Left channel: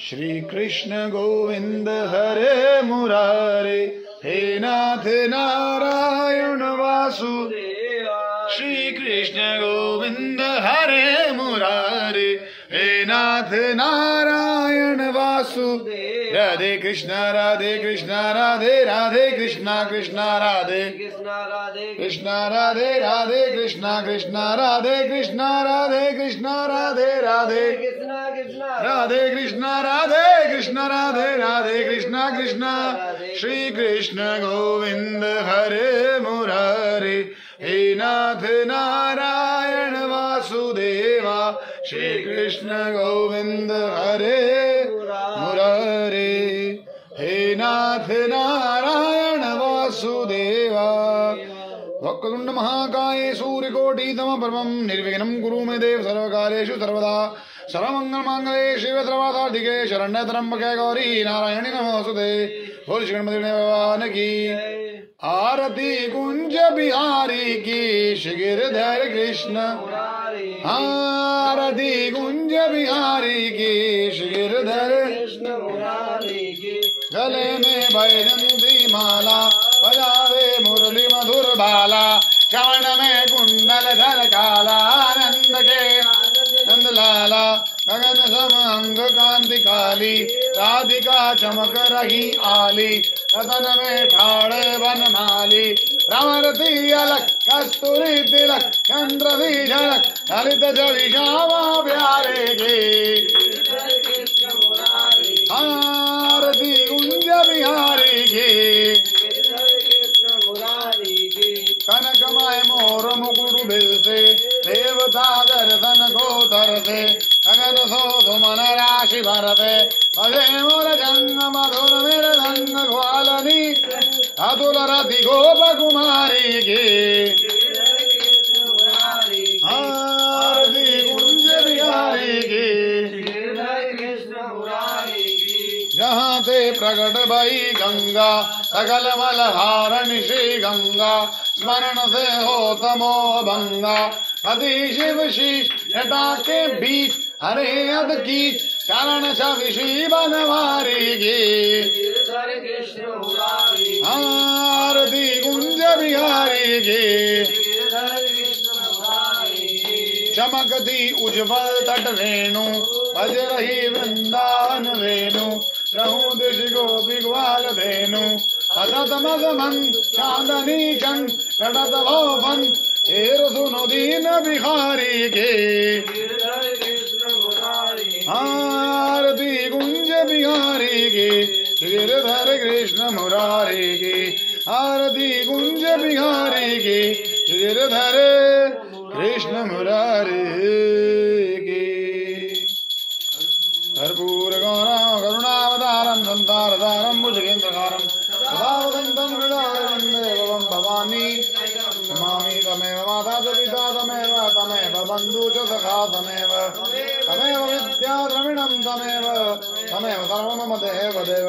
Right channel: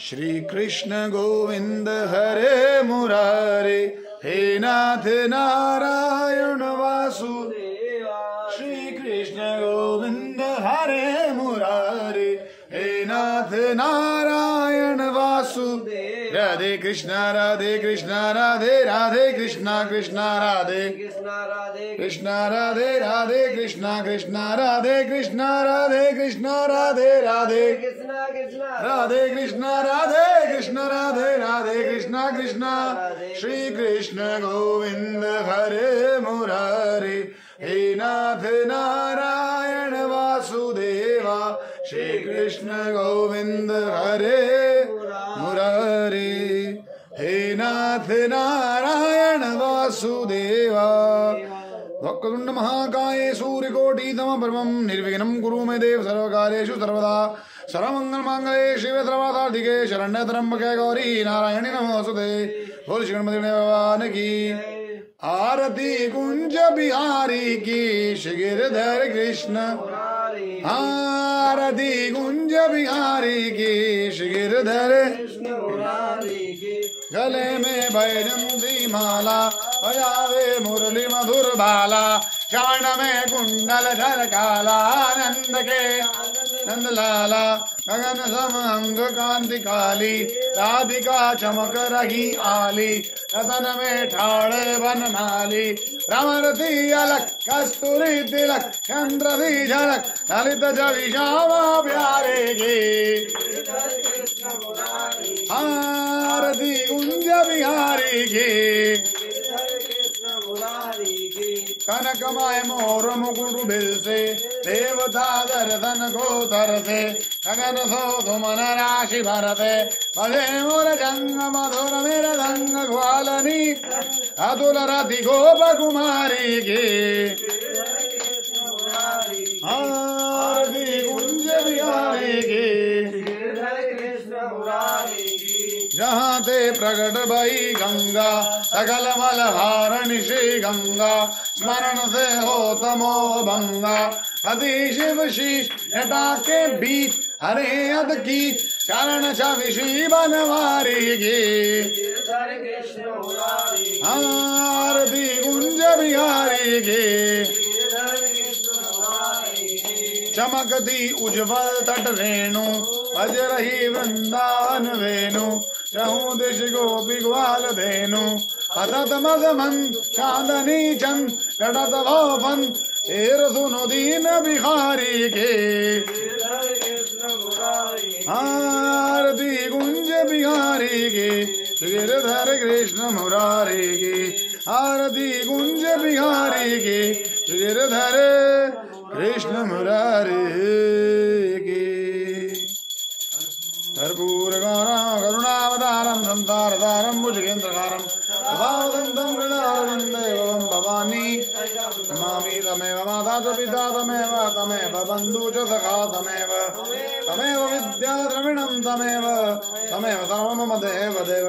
श्री कृष्ण गोविंद हरे मुरारे, हे नाथ नारायण वासुदेव। श्री कृष्ण गोविंद हरे मुरारे, हे नाथ नारायण वासुदेव। राधे कृष्णा राधे राधे कृष्णा कृष्णा राधे कृष्णा राधे राधे कृष्णा कृष्णा राधे कृष्णा राधे कृष्णा राधे राधे राधे कृष्णा राधे राधे कृष्णा कृष्णा। श्री कृष्ण गोविंद हरे मुरारे, हे नाथ नारायण वासुदेवा। श्री कृष्ण गोविंद हरे मुरारे, हे नाथ नारायण वासुदेवा। वक्रतुंड महाकाय सूर्यकोटि समप्रभं निर्विघ्नं कुरु मे देव सर्वकार्येषु सर्वदा। सर्वमंगल मांगल्ये शिवे सर्वार्थसाधिके शरण्ये त्र्यंबके गौरी नारायणी नमोस्तुते। बोल श्री गणपति भगवान की। आरती कुंज बिहारी की, श्री गिरधर कृष्ण। आरती कुंज बिहारी की, श्री गिरधर गले में बैजंती माला, बजावे मुरली मधुर बाला। कान में कुंडल झलकाला, आनंद के नंद लाला। गगन सम अंग कांति काली, राधिका चमक रही आली। रतन में ठाड़े बनमाली, भ्रमर तिलक कस्तूरी तिलक। चंद्र सी झलक ललित जवि श्यामा प्यारे की। आरती कुंज बिहारी की। कनकमय मोर मुकुट बिलसे, देवता दर्शन को तरसे। गगन सो सुमन राशि भरते, भजे मोर जंग मधुर मेर रंग ग्वालनी। अतुल रति गोप कुमारी की। आरती कुंज बिहारी की। जहाँ ते प्रकट भई गंगा, सकल मल हारण श्री गंगा। स्मरण से हो तमो भंगा, अति शिव शीश जटा के बीच। हरे अद की चरण छवि बनवारी की। आरती कुंज बिहारी की। चमकती उज्ज्वल तट रेणु, बज रही वृंदावन वेणु। रहूं दिश गोपी ग्वाल धेनु, पतत मद मंद चांदनी चंद। कटत भवन हेर सुनो दीन बिहारी के। आरती कुंज बिहारी के, गिरधर कृष्ण मुरारी की। आरती कुंज बिहारी के, गिरधर कृष्ण मुरारी की। कर्पूर गौरम करुणावतारम संसारसारम भुजगेन्द्रकारम सदा वदन्तं हृदयारविन्दे भवानी। नमामि तमेव माता च पिता तमेव बन्धु च सखा तमेव विद्या द्रविणं तमेव सर्वं मम देवदेव।